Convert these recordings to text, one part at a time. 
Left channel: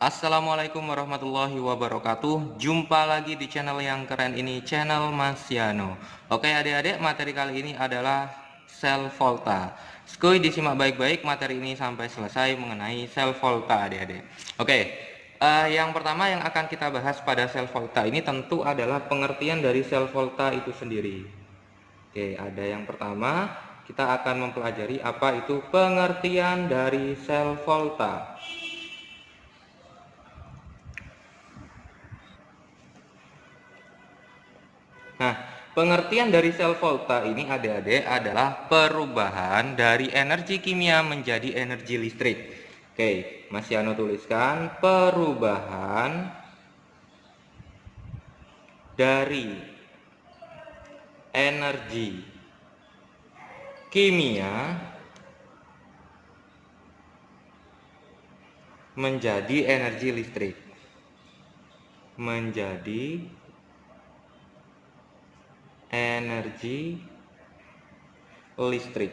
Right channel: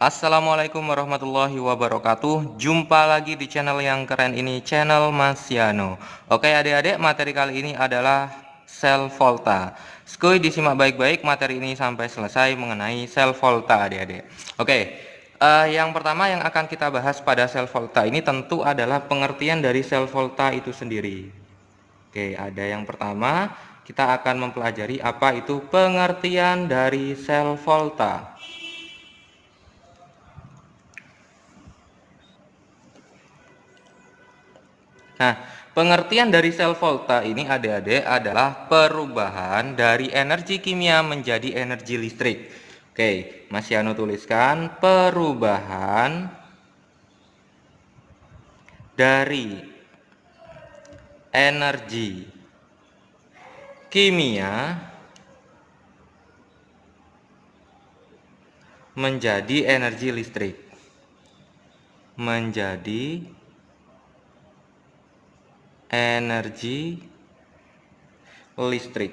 Assalamualaikum warahmatullahi wabarakatuh. Jumpa lagi di channel yang keren ini, channel Mas Yano. Oke adik-adik, materi kali ini adalah sel volta. Skuy disimak baik-baik materi ini sampai selesai mengenai sel volta adik-adik. Oke, yang pertama yang akan kita bahas pada sel volta ini tentu adalah pengertian dari sel volta itu sendiri. Oke, ada yang pertama, kita akan mempelajari apa itu pengertian dari sel volta. Nah, pengertian dari sel volta ini adik-adik adalah perubahan dari energi kimia menjadi energi listrik. Oke, Mas Yano tuliskan perubahan dari energi kimia menjadi energi listrik. Menjadi energi listrik.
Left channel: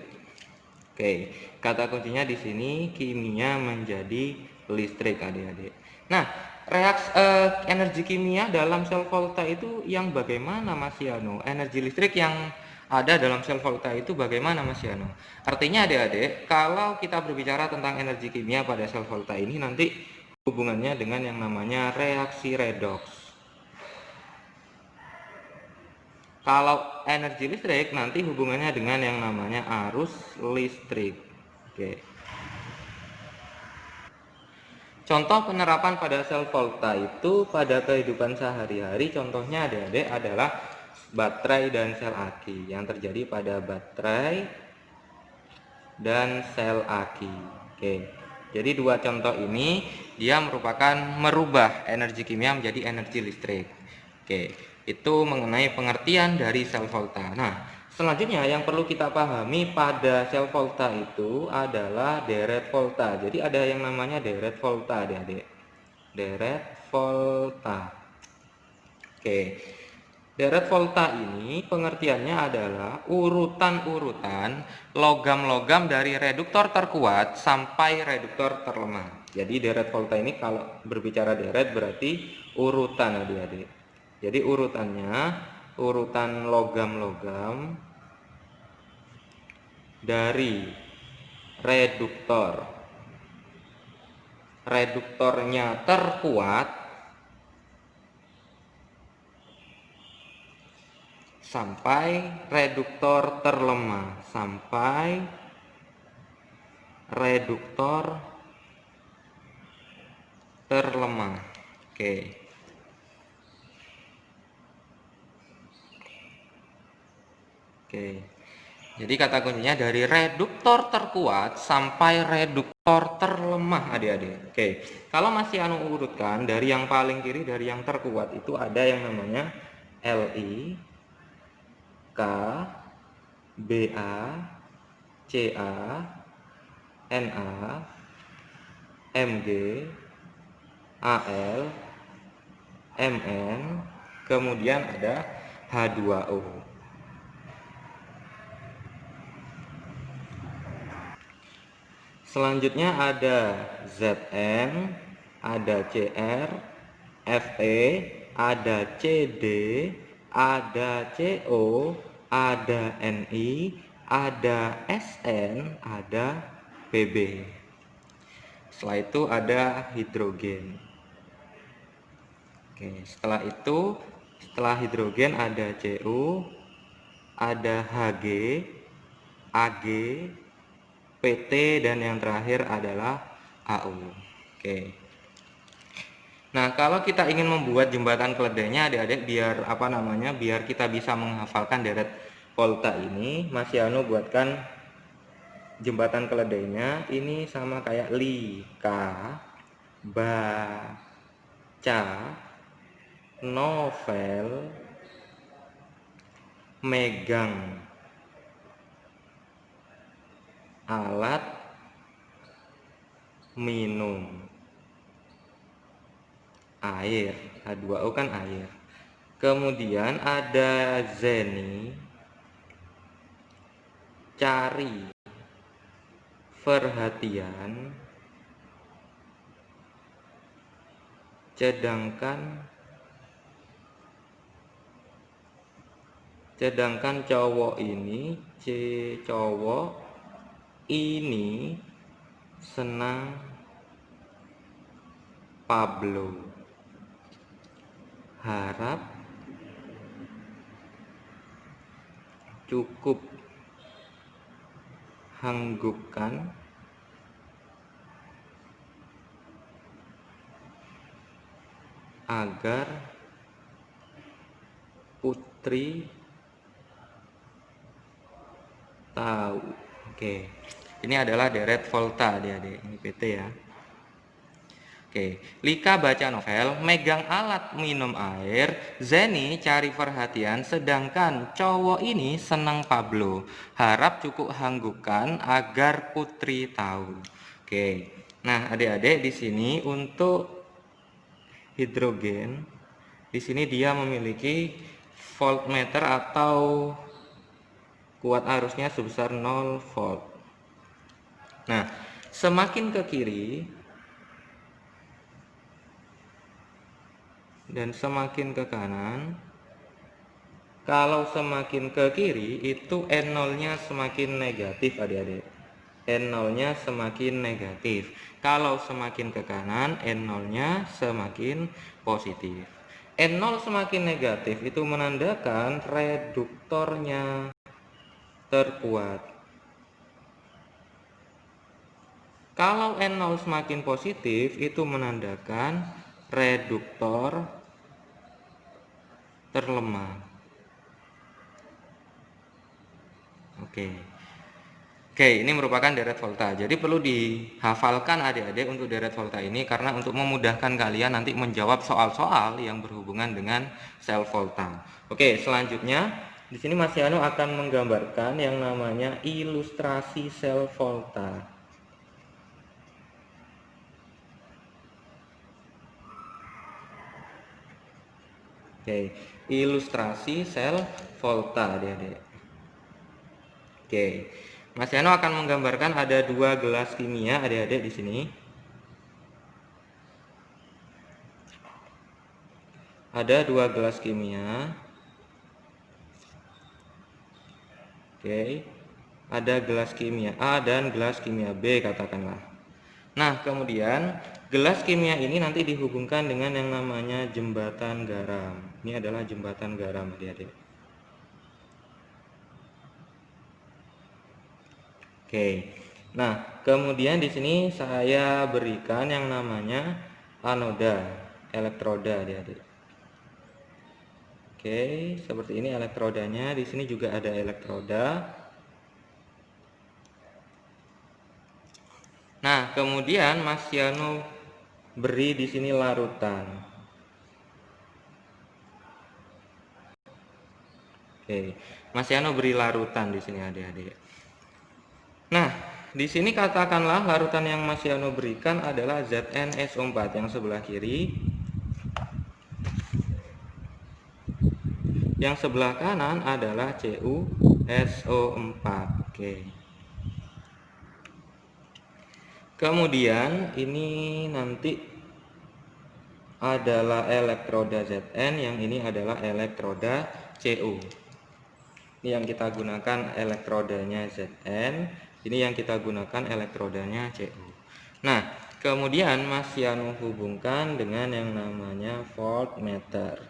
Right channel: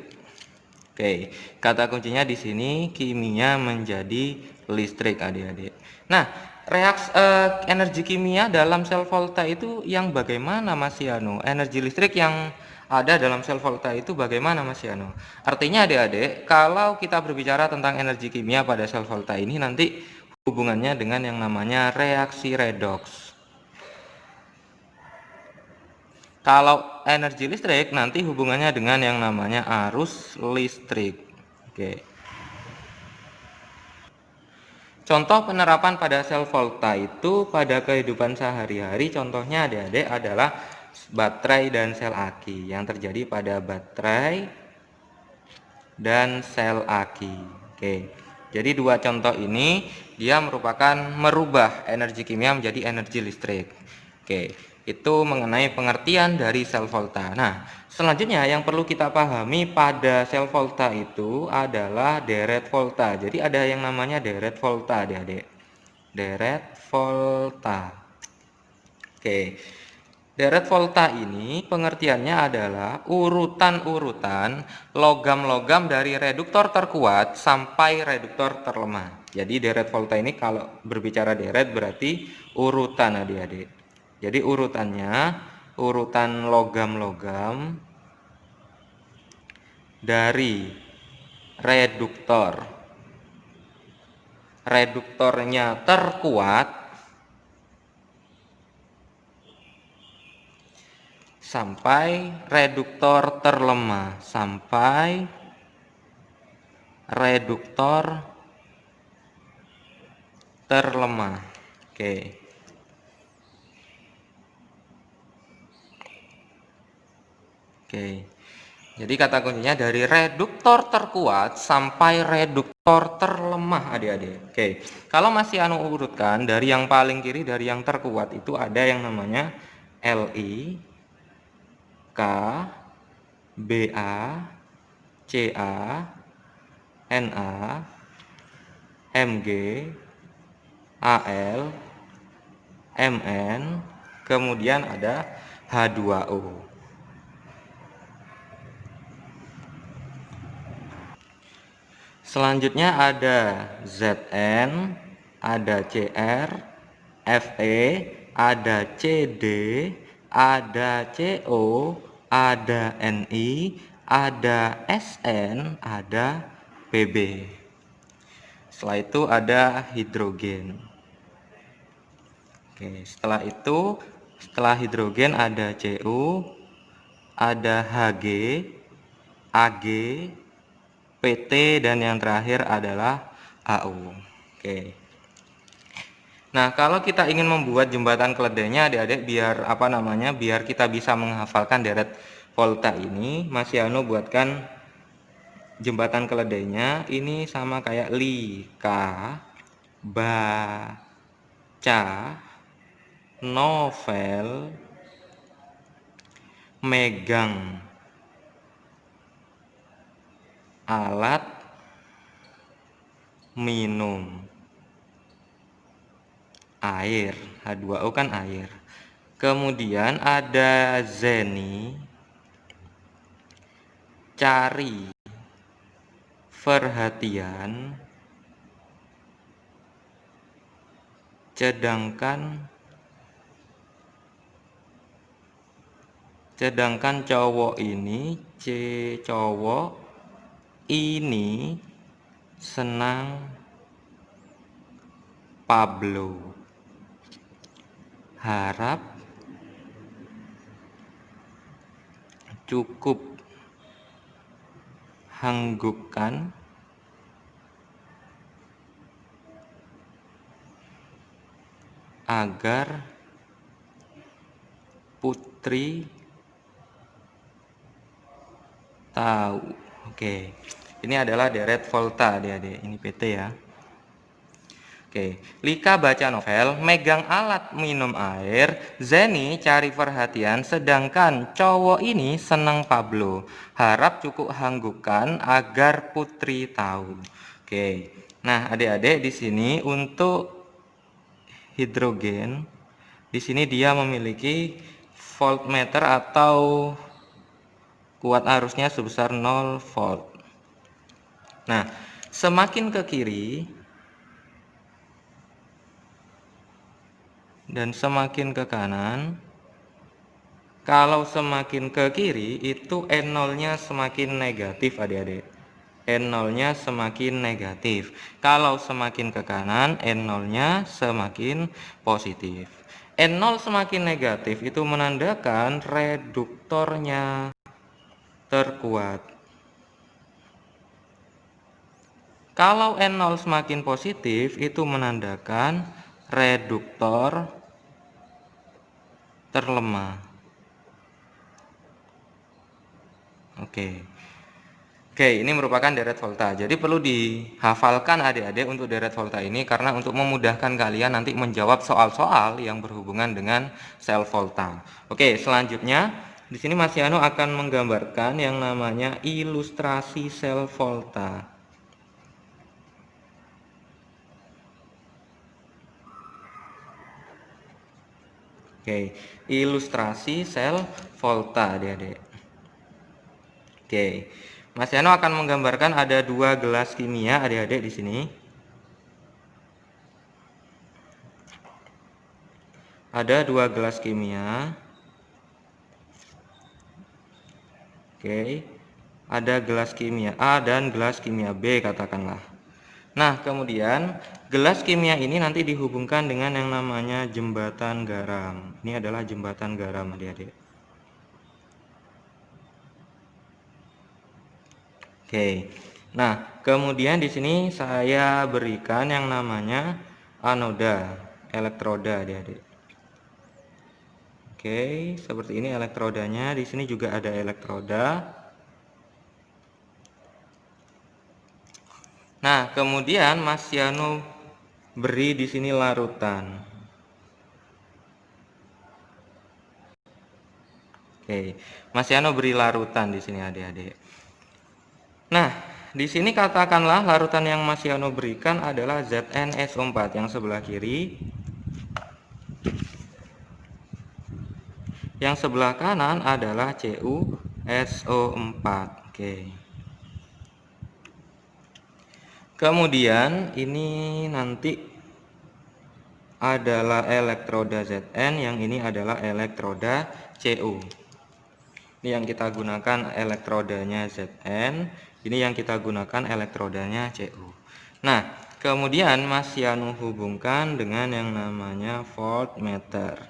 Oke, kata kuncinya di sini kimia menjadi listrik adik-adik. Nah, energi kimia dalam sel volta itu yang bagaimana Mas Yano? Energi listrik yang ada dalam sel volta itu bagaimana Mas Yano? Artinya adik-adik, kalau kita berbicara tentang energi kimia pada sel volta ini nanti hubungannya dengan yang namanya reaksi redoks. Kalau energi listrik nanti hubungannya dengan yang namanya arus listrik. Oke. Contoh penerapan pada sel volta itu pada kehidupan sehari-hari contohnya adik-adik adalah baterai dan sel aki yang terjadi pada baterai dan sel aki. Oke. Jadi dua contoh ini dia merupakan merubah energi kimia menjadi energi listrik. Oke, itu mengenai pengertian dari sel volta. Nah, selanjutnya yang perlu kita pahami pada sel volta itu adalah deret volta. Jadi ada yang namanya deret volta, adik-adik. Deret volta. Oke. Deret volta ini pengertiannya adalah urutan-urutan logam-logam dari reduktor terkuat sampai reduktor terlemah. Jadi deret volta ini kalau berbicara deret berarti urutan adik-adik. Jadi urutannya urutan logam-logam dari reduktor. Reduktornya terkuat sampai reduktor terlemah, sampai reduktor terlemah. Oke. Oke. Jadi kata kuncinya dari reduktor terkuat sampai reduktor terlemah adik-adik. Oke. Kalau masih urutkan dari yang paling kiri dari yang terkuat itu ada yang namanya Li, K, Ba, Ca, Na, Mg, Al, Mn, kemudian ada H2O. Selanjutnya ada Zn, ada Cr, Fe, ada Cd, ada Co, ada Ni, ada Sn, ada Pb. Setelah itu ada hidrogen. Oke, setelah hidrogen ada Cu, ada Hg, Ag, PT, dan yang terakhir adalah AU. Oke. Nah, kalau kita ingin membuat jembatan keledainya adik-adik biar kita bisa menghafalkan deret volta ini, Mas Yano buatkan jembatan keledainya ini sama kayak li, ka, baca, novel, megang alat, minum air. H2O kan air. Kemudian ada zeni, cari perhatian, sedangkan cowok ini, cowok ini senang Pablo. Harap cukup hanggupkan agar Putri tahu. Oke, ini adalah deret volta adik-adik, ini PT ya. Oke, Lika baca novel, megang alat minum air, Zeni cari perhatian, sedangkan cowok ini senang Pablo. Harap cukup hanggupkan agar Putri tahu. Oke, nah adik-adik di sini untuk hidrogen, di sini dia memiliki voltmeter atau kuat arusnya sebesar 0 volt. Nah, semakin ke kiri dan semakin ke kanan, kalau semakin ke kiri itu N0-nya semakin negatif adik-adik. N0-nya semakin negatif. Kalau semakin ke kanan, N0-nya semakin positif. N0 semakin negatif itu menandakan reduktornya terkuat. Kalau N0 semakin positif itu menandakan reduktor terlemah. Oke, ini merupakan deret volta. Jadi perlu dihafalkan adik-adik untuk deret volta ini karena untuk memudahkan kalian nanti menjawab soal-soal yang berhubungan dengan sel volta. Oke, selanjutnya di sini Mas Yano akan menggambarkan yang namanya ilustrasi sel volta. Oke, ilustrasi sel volta adik-adik. Oke, Mas Yano akan menggambarkan ada 2 gelas kimia adik-adik di sini. Ada 2 gelas kimia. Oke, ada gelas kimia A dan gelas kimia B katakanlah. Nah, kemudian gelas kimia ini nanti dihubungkan dengan yang namanya jembatan garam. Ini adalah jembatan garam adik-adik. Oke. Nah, kemudian di sini saya berikan yang namanya anoda, elektroda adik-adik. Oke, seperti ini elektrodanya. Di sini juga ada elektroda. Nah, kemudian Mas Yano beri di sini larutan. Oke, Mas Yano beri larutan di sini adik-adik. Nah, di sini katakanlah larutan yang Mas Yano berikan adalah ZnSO4 yang sebelah kiri. Yang sebelah kanan adalah CuSO4. Oke. Kemudian ini nanti adalah elektroda Zn, yang ini adalah elektroda Cu. Ini yang kita gunakan elektrodanya Zn, ini yang kita gunakan elektrodanya Cu. Nah, kemudian Mas Yano hubungkan dengan yang namanya voltmeter.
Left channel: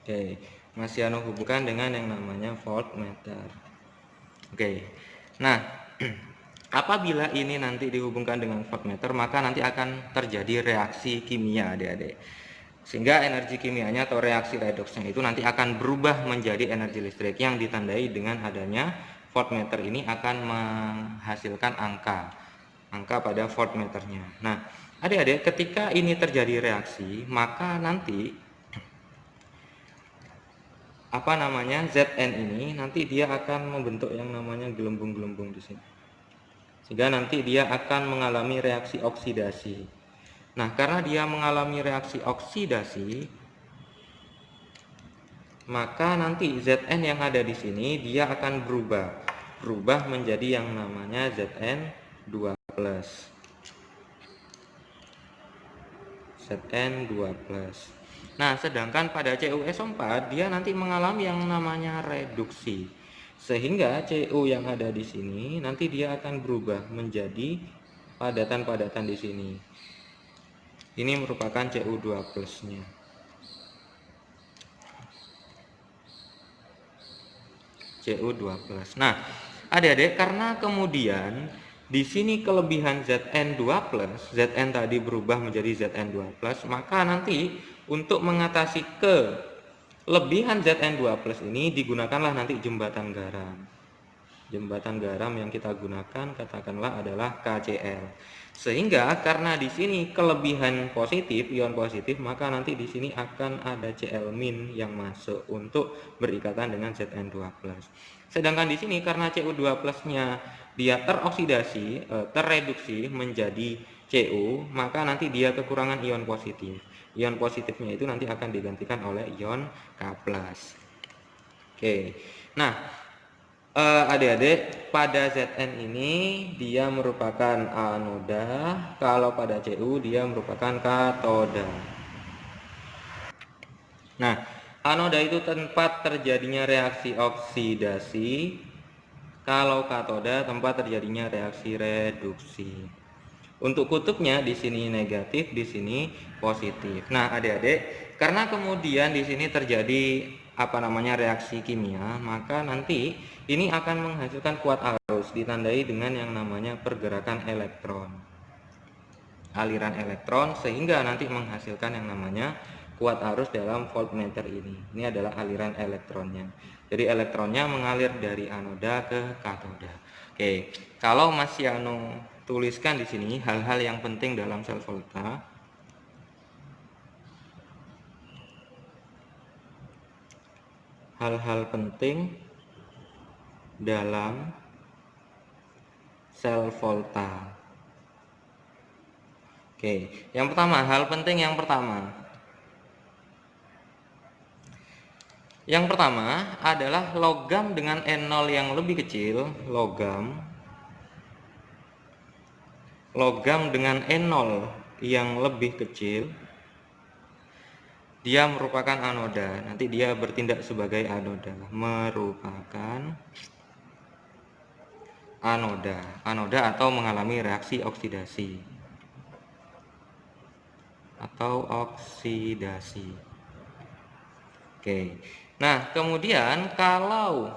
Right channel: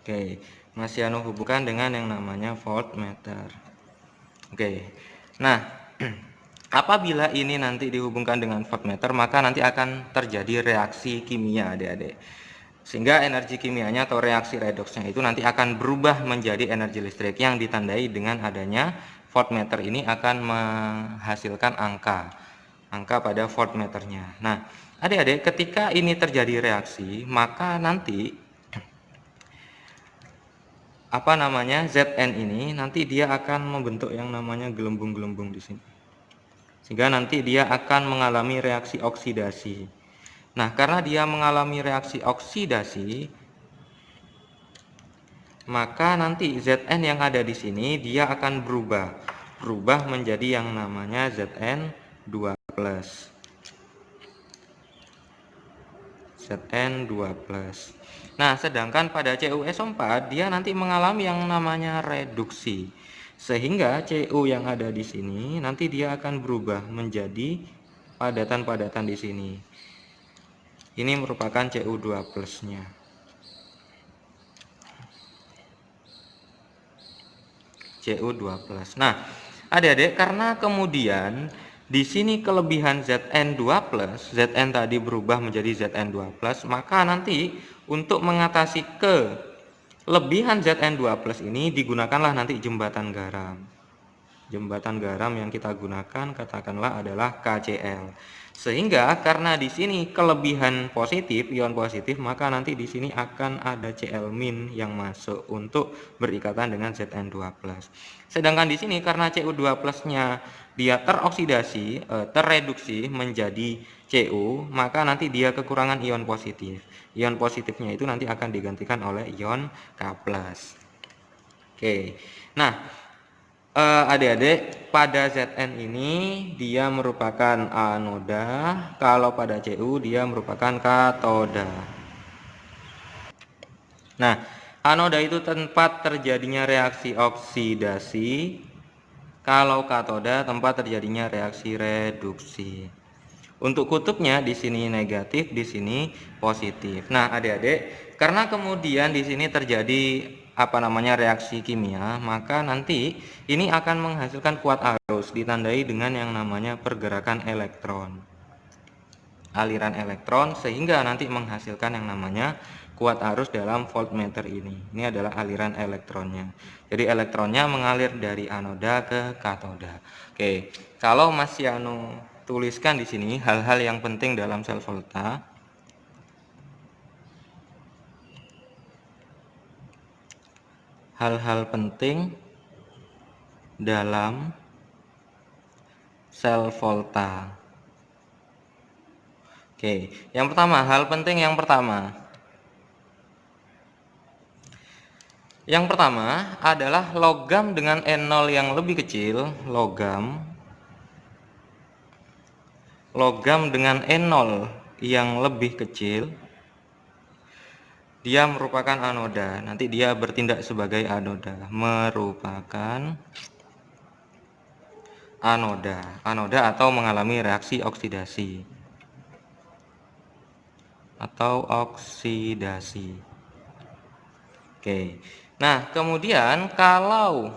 Oke, Mas Yano hubungkan dengan yang namanya voltmeter. Oke, nah apabila ini nanti dihubungkan dengan voltmeter, maka nanti akan terjadi reaksi kimia adik-adik, sehingga energi kimianya atau reaksi redoksnya itu nanti akan berubah menjadi energi listrik yang ditandai dengan adanya voltmeter ini akan menghasilkan angka pada voltmeternya. Nah adik-adik, ketika ini terjadi reaksi, maka nanti Zn ini nanti dia akan membentuk yang namanya gelembung-gelembung di sini, sehingga nanti dia akan mengalami reaksi oksidasi. Nah, karena dia mengalami reaksi oksidasi, maka nanti Zn yang ada di sini dia akan berubah. berubah menjadi yang namanya Zn2+. Zn2+. Nah, sedangkan pada CuSO4 dia nanti mengalami yang namanya reduksi. Sehingga Cu yang ada di sini nanti dia akan berubah menjadi padatan-padatan di sini. Ini merupakan Cu2+-nya. Cu2+. Nah, adik-adik, karena kemudian di sini kelebihan Zn2+, Zn tadi berubah menjadi Zn2+, maka nanti untuk mengatasi kelebihan Zn2+ ini digunakanlah nanti jembatan garam. Jembatan garam yang kita gunakan katakanlah adalah KCl. Sehingga karena di sini kelebihan positif, ion positif, maka nanti di sini akan ada Cl- yang masuk untuk berikatan dengan Zn2+. Sedangkan di sini karena Cu2+-nya dia teroksidasi, terreduksi menjadi Cu, maka nanti dia kekurangan ion positif. Ion positifnya itu nanti akan digantikan oleh ion K+. Oke. Nah, adik-adik, pada Zn ini dia merupakan anoda, kalau pada Cu dia merupakan katoda. Nah, anoda itu tempat terjadinya reaksi oksidasi, kalau katoda tempat terjadinya reaksi reduksi. Untuk kutubnya di sini negatif, di sini positif. Nah, adik-adik, karena kemudian di sini terjadi reaksi kimia, maka nanti ini akan menghasilkan kuat arus ditandai dengan yang namanya pergerakan elektron, aliran elektron, sehingga nanti menghasilkan yang namanya kuat arus dalam voltmeter ini. Ini adalah aliran elektronnya. Jadi elektronnya mengalir dari anoda ke katoda. Oke, kalau Mas Yano tuliskan di sini hal-hal yang penting dalam sel volta. Hal-hal penting dalam sel volta. Oke, yang pertama, hal penting yang pertama. Yang pertama adalah logam dengan N0 yang lebih kecil, logam dengan N0 yang lebih kecil, dia merupakan anoda. Nanti dia bertindak sebagai anoda, merupakan anoda atau mengalami reaksi oksidasi Oke. Nah, kemudian kalau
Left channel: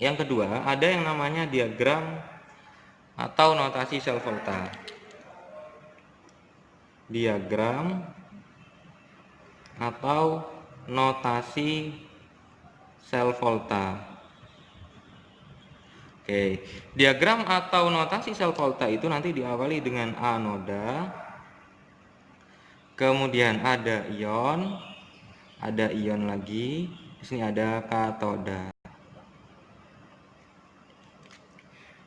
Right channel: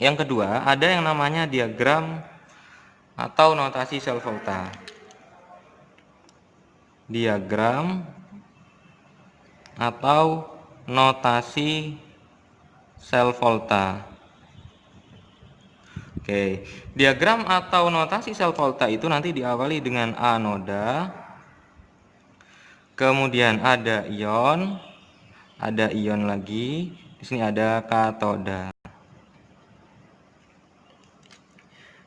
yang kedua ada yang namanya diagram atau notasi sel volta. Diagram atau notasi sel volta. Oke, diagram atau notasi sel volta itu nanti diawali dengan anoda, kemudian ada ion lagi, di sini ada katoda.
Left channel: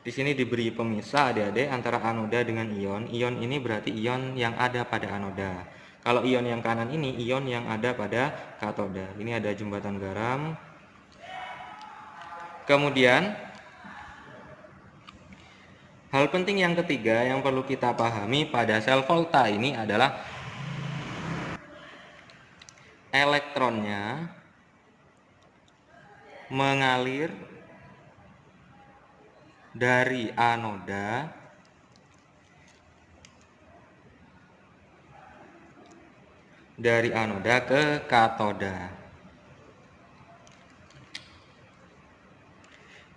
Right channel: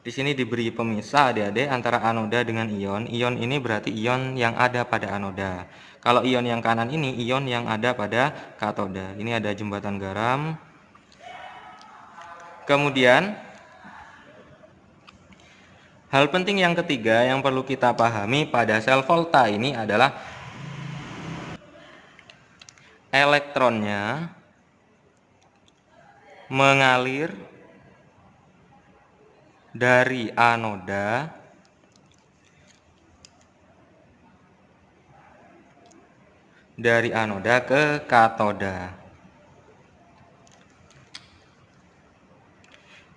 Di sini diberi pemisah adik-adik antara anoda dengan ion. Ion ini berarti ion yang ada pada anoda. Kalau ion yang kanan ini ion yang ada pada katoda. Ini ada jembatan garam. Kemudian hal penting yang ketiga yang perlu kita pahami pada sel volta ini adalah elektronnya mengalir dari anoda ke katoda.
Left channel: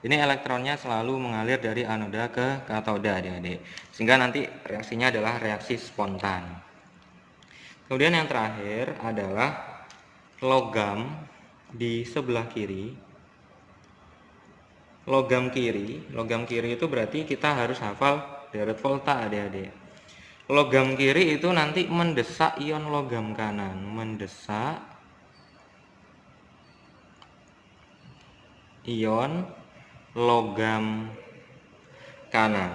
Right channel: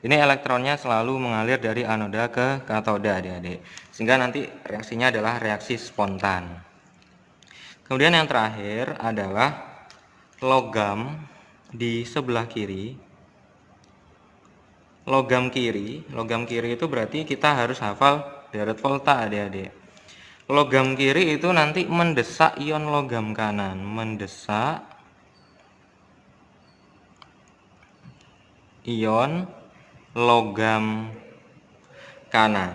Ini elektronnya selalu mengalir dari anoda ke katoda, adik-adik. Sehingga nanti reaksinya adalah reaksi spontan. Kemudian yang terakhir adalah logam di sebelah kiri. Logam kiri itu berarti kita harus hafal deret volta, adik-adik. Logam kiri itu nanti mendesak ion logam kanan, mendesak ion logam kanan.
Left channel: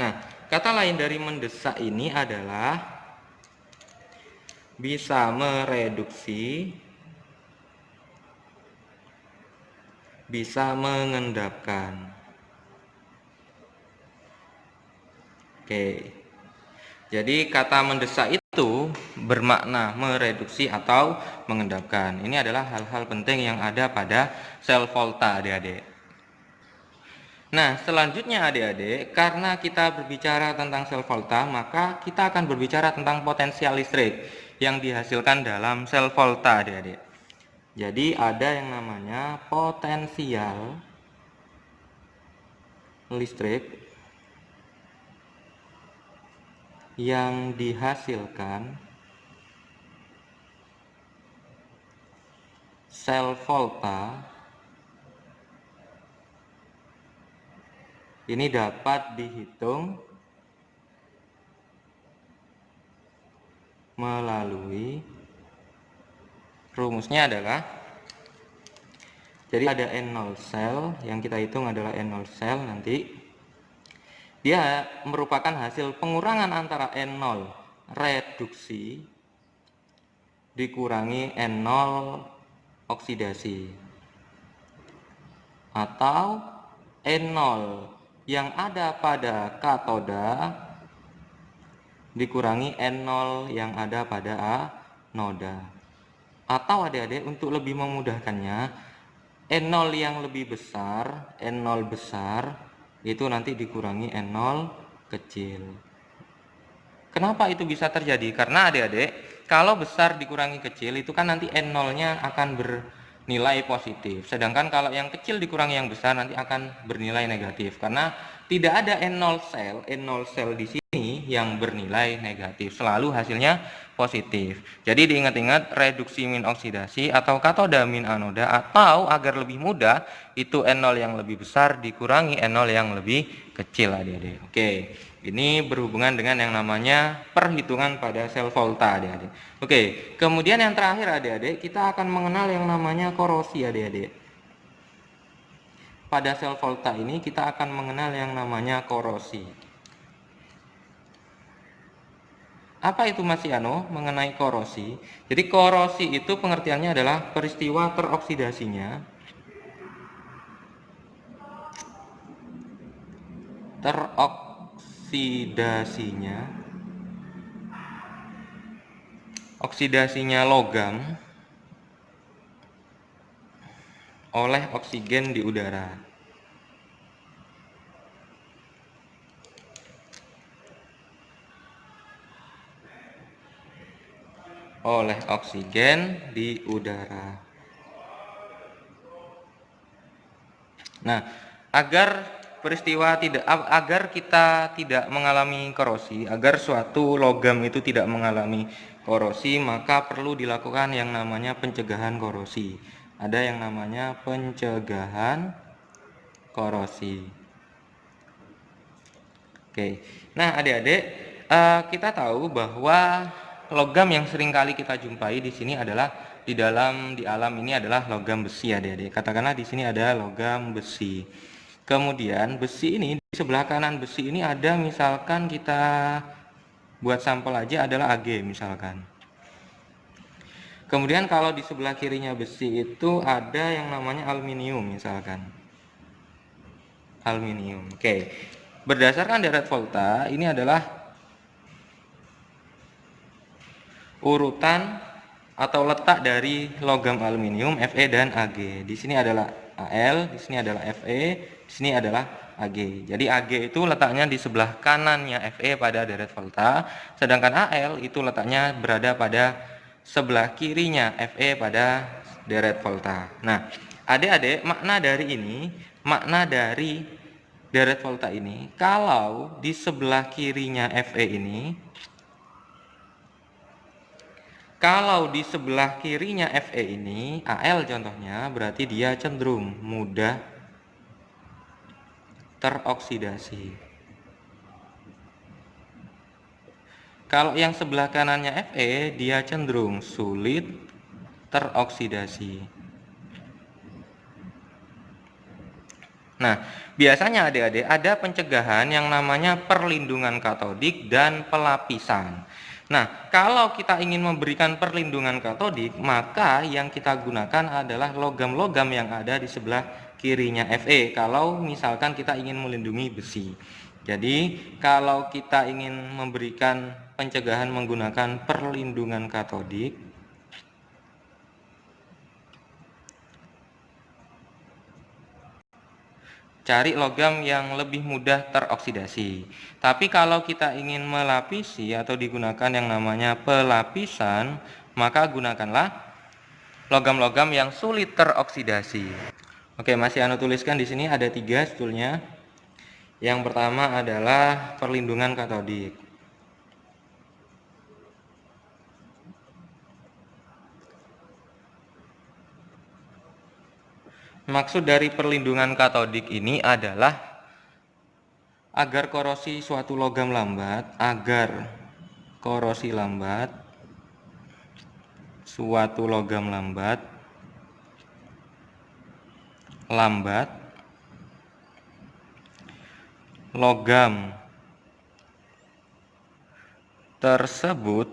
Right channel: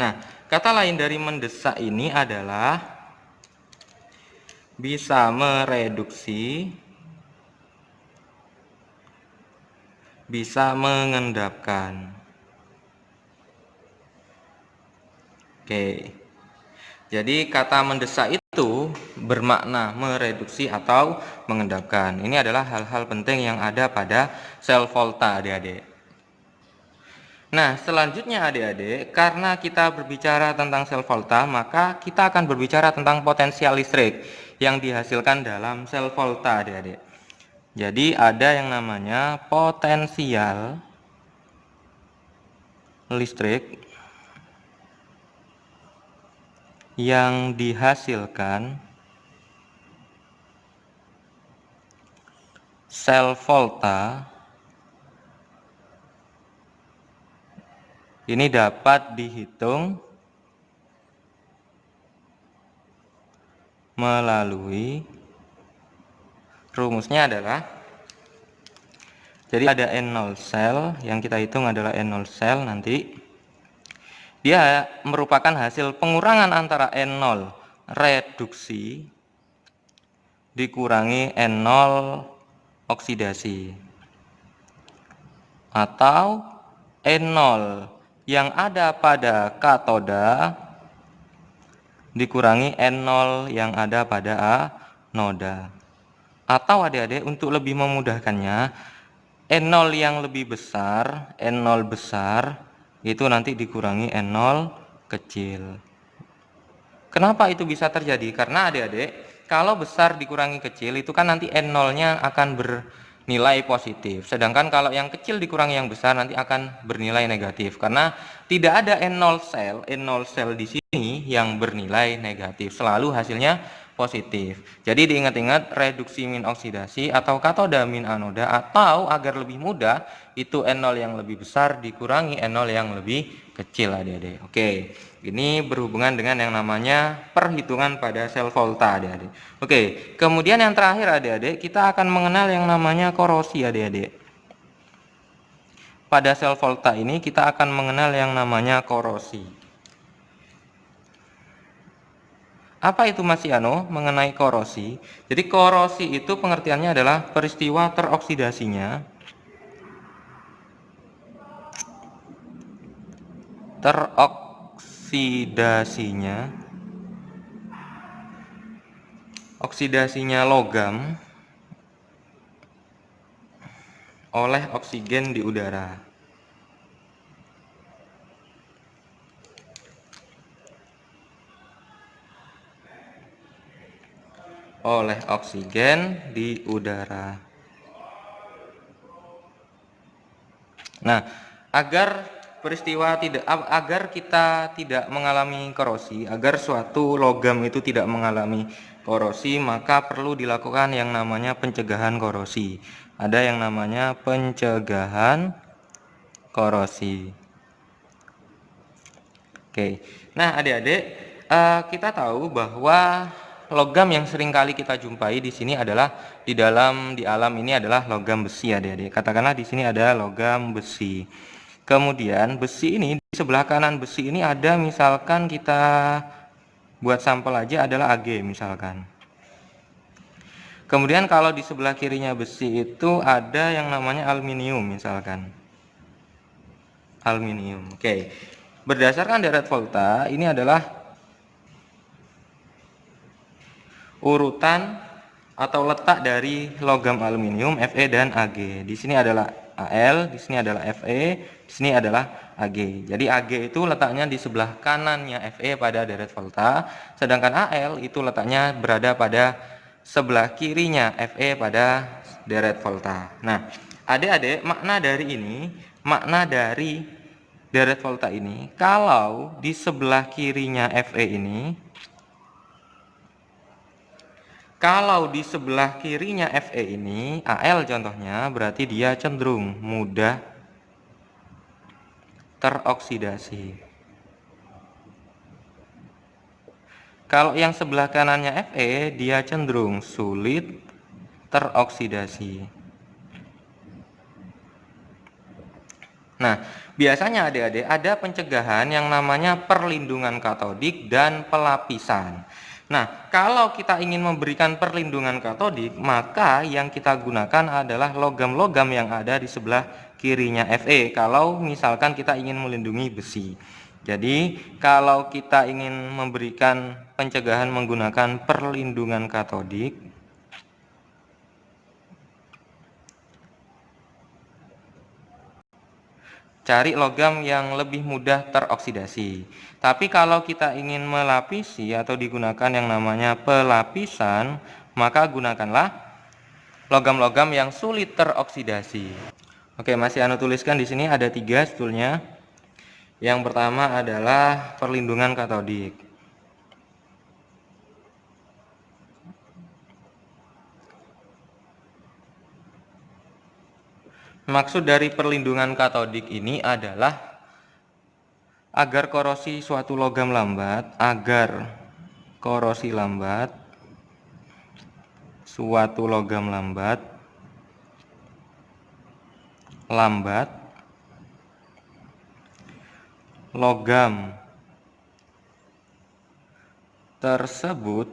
Nah, kata lain dari mendesak ini adalah bisa mereduksi bisa mengendapkan. Oke. Jadi kata mendesak itu bermakna mereduksi atau mengendapkan. Ini adalah hal-hal penting yang ada pada sel volta, adik-adik. Nah, selanjutnya adik-adik, karena kita berbicara tentang sel volta, maka kita akan berbicara tentang potensial listrik yang dihasilkan dalam sel volta, adik-adik. Jadi ada yang namanya potensial listrik yang dihasilkan sel volta ini dapat dihitung melalui rumusnya adalah, jadi ada N0 sel yang kita hitung adalah N0 sel nanti. Dia merupakan hasil pengurangan antara N0 reduksi dikurangi N0 oksidasi, atau N0 yang ada pada katoda dikurangi N0 yang ada pada anoda. Atau adik-adik, untuk lebih memudahkannya, N0 yang lebih besar, N0 besar itu nanti dikurangi N0 kecil. Kenapa itu bisa terjadi? Karena adik-adik, kalau besar dikurangi kecil itu kan nanti N0-nya akan bernilai positif. Sedangkan kalau yang kecil dikurangi yang besar nanti akan bernilai negatif. Karena tidak ada N0 sel di sini yang bernilai negatif. Selalu hasilnya positif. Jadi diingat-ingat reduksi min oksidasi atau katoda min anoda, atau agar lebih mudah itu N0 yang lebih besar dikurangi N0 yang lebih kecil, adik-adik. Oke, ini berhubungan dengan yang namanya perhitungan pada sel volta, adik-adik. Oke, kemudian yang terakhir adik-adik, kita akan mengenal yang namanya korosi, adik-adik. Pada sel volta ini kita akan mengenal yang namanya korosi. Apa itu Mas Yano mengenai korosi? Jadi korosi itu pengertiannya adalah peristiwa teroksidasinya oksidasinya logam oleh oksigen di udara. Oleh oksigen di udara. Nah, agar kita tidak mengalami korosi, agar suatu logam itu tidak mengalami korosi, maka perlu dilakukan yang namanya pencegahan korosi. Ada yang namanya pencegahan korosi. Oke. Nah, adik-adik, kita tahu bahwa logam yang sering kali kita jumpai di sini adalah di alam ini adalah logam besi, adik-adik. Katakanlah di sini ada logam besi. Kemudian besi ini, di sebelah kanan besi ini ada, misalkan kita buat sampel aja, adalah Ag misalkan. Kemudian kalau di sebelah kirinya besi itu ada yang namanya aluminium misalkan. Aluminium. Oke. Berdasarkan deret volta, ini adalah urutan atau letak dari logam aluminium Fe dan Ag. Di sini adalah Al, di sini adalah Fe, di sini adalah Ag. Jadi Ag itu letaknya di sebelah kanannya Fe pada deret volta, sedangkan Al itu letaknya berada pada sebelah kirinya Fe pada deret volta. Nah, adik-adik, makna dari deret volta ini, kalau di sebelah kirinya Fe ini, kalau di sebelah kirinya Fe ini, Al contohnya, berarti dia cenderung mudah teroksidasi. Kalau yang sebelah kanannya Fe, dia cenderung sulit teroksidasi. Nah, biasanya adik-adik ada pencegahan yang namanya perlindungan katodik dan pelapisan. Nah, kalau kita ingin memberikan perlindungan katodik, maka yang kita gunakan adalah logam-logam yang ada di sebelah kirinya Fe kalau misalkan kita ingin melindungi besi. Jadi kalau kita ingin memberikan pencegahan menggunakan perlindungan katodik, cari logam yang lebih mudah teroksidasi. Tapi kalau kita ingin melapisi atau digunakan yang namanya pelapisan, maka gunakanlah logam-logam yang sulit teroksidasi. Oke, masih Anu tuliskan di sini ada 3 sebetulnya. Yang pertama adalah perlindungan katodik. Maksud dari perlindungan katodik ini adalah agar korosi suatu logam lambat, suatu logam lambat logam tersebut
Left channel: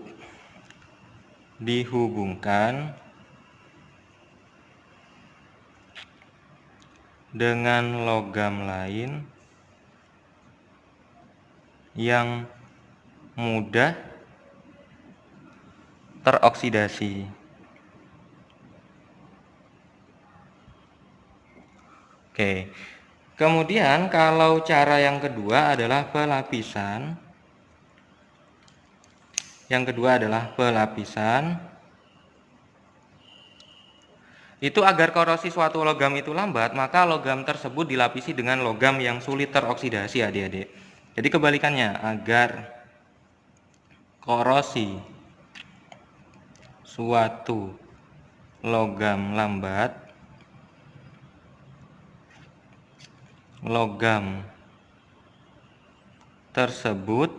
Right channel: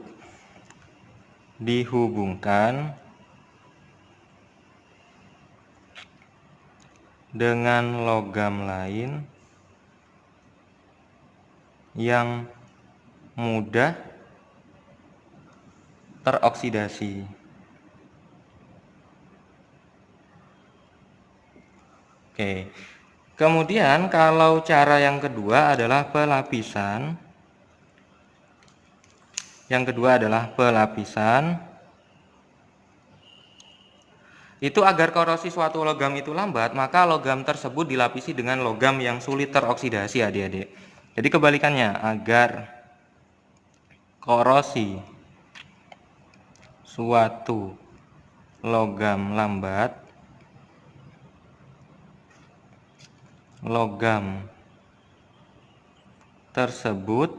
dihubungkan dengan logam lain yang mudah teroksidasi. Oke. Kemudian kalau cara yang kedua adalah pelapisan. Itu agar korosi suatu logam itu lambat, maka logam tersebut dilapisi dengan logam yang sulit teroksidasi, adik-adik. Jadi kebalikannya, agar korosi suatu logam lambat, logam tersebut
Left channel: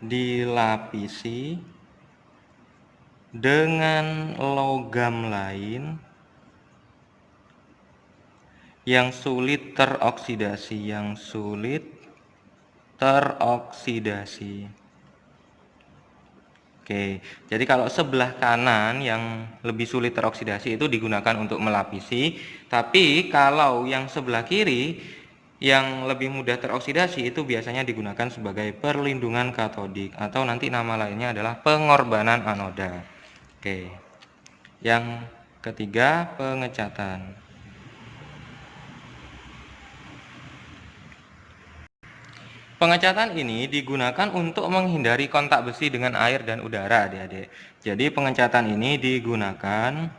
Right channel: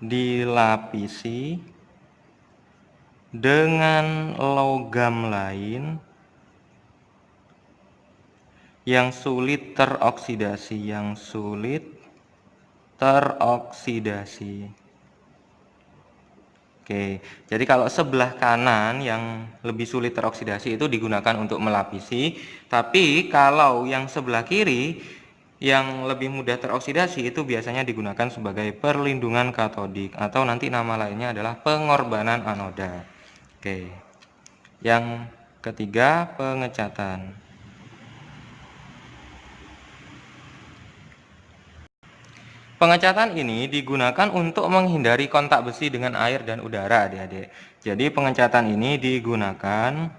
dilapisi dengan logam lain yang sulit teroksidasi, Oke, jadi kalau sebelah kanan yang lebih sulit teroksidasi itu digunakan untuk melapisi, tapi kalau yang sebelah kiri yang lebih mudah teroksidasi itu biasanya digunakan sebagai perlindungan katodik atau nanti nama lainnya adalah pengorbanan anoda. Oke. Yang ketiga, pengecatan. Pengecatan ini digunakan untuk menghindari kontak besi dengan air dan udara, adik-adik. Jadi pengecatan ini digunakan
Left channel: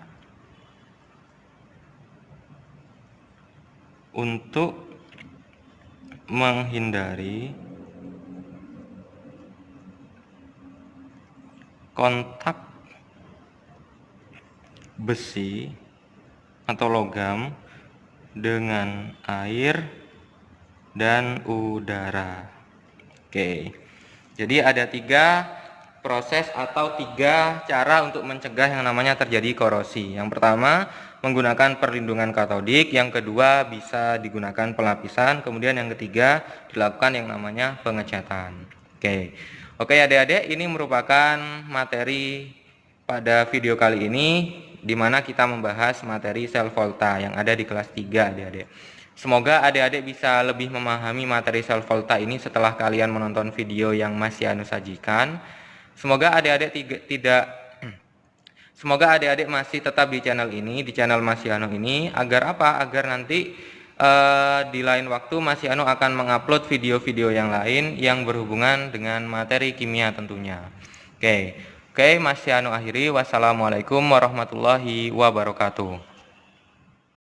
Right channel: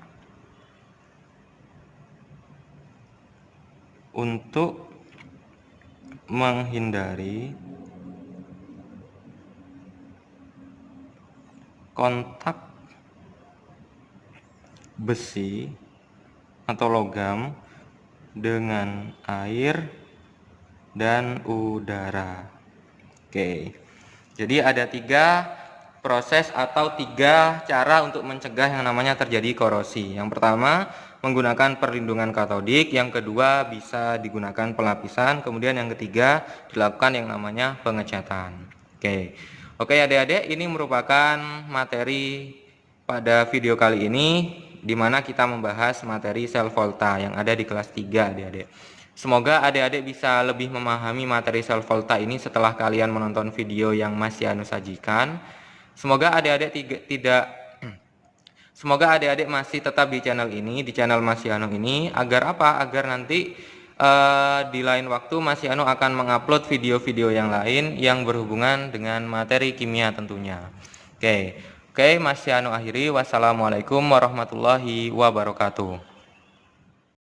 untuk menghindari kontak besi atau logam dengan air dan udara. Oke, jadi ada 3 proses atau 3 cara untuk mencegah yang namanya terjadi korosi. Yang pertama menggunakan perlindungan katodik, yang kedua bisa digunakan pelapisan, kemudian yang ketiga dilakukan yang namanya pengecatan. Oke adik-adik, ini merupakan materi pada video kali ini di mana kita membahas materi sel volta yang ada di kelas 3, adik-adik. Semoga adik-adik bisa lebih memahami materi sel volta ini setelah kalian menonton video yang masih Anu sajikan. Semoga adik-adik masih tetap di channel ini, di channel Masih Anu ini, agar apa? Agar nanti di lain waktu Masih Anu akan mengupload video-video yang lain yang berhubungan dengan materi kimia tentunya. Oke, Masih Anu akhiri. Wassalamualaikum warahmatullahi wabarakatuh.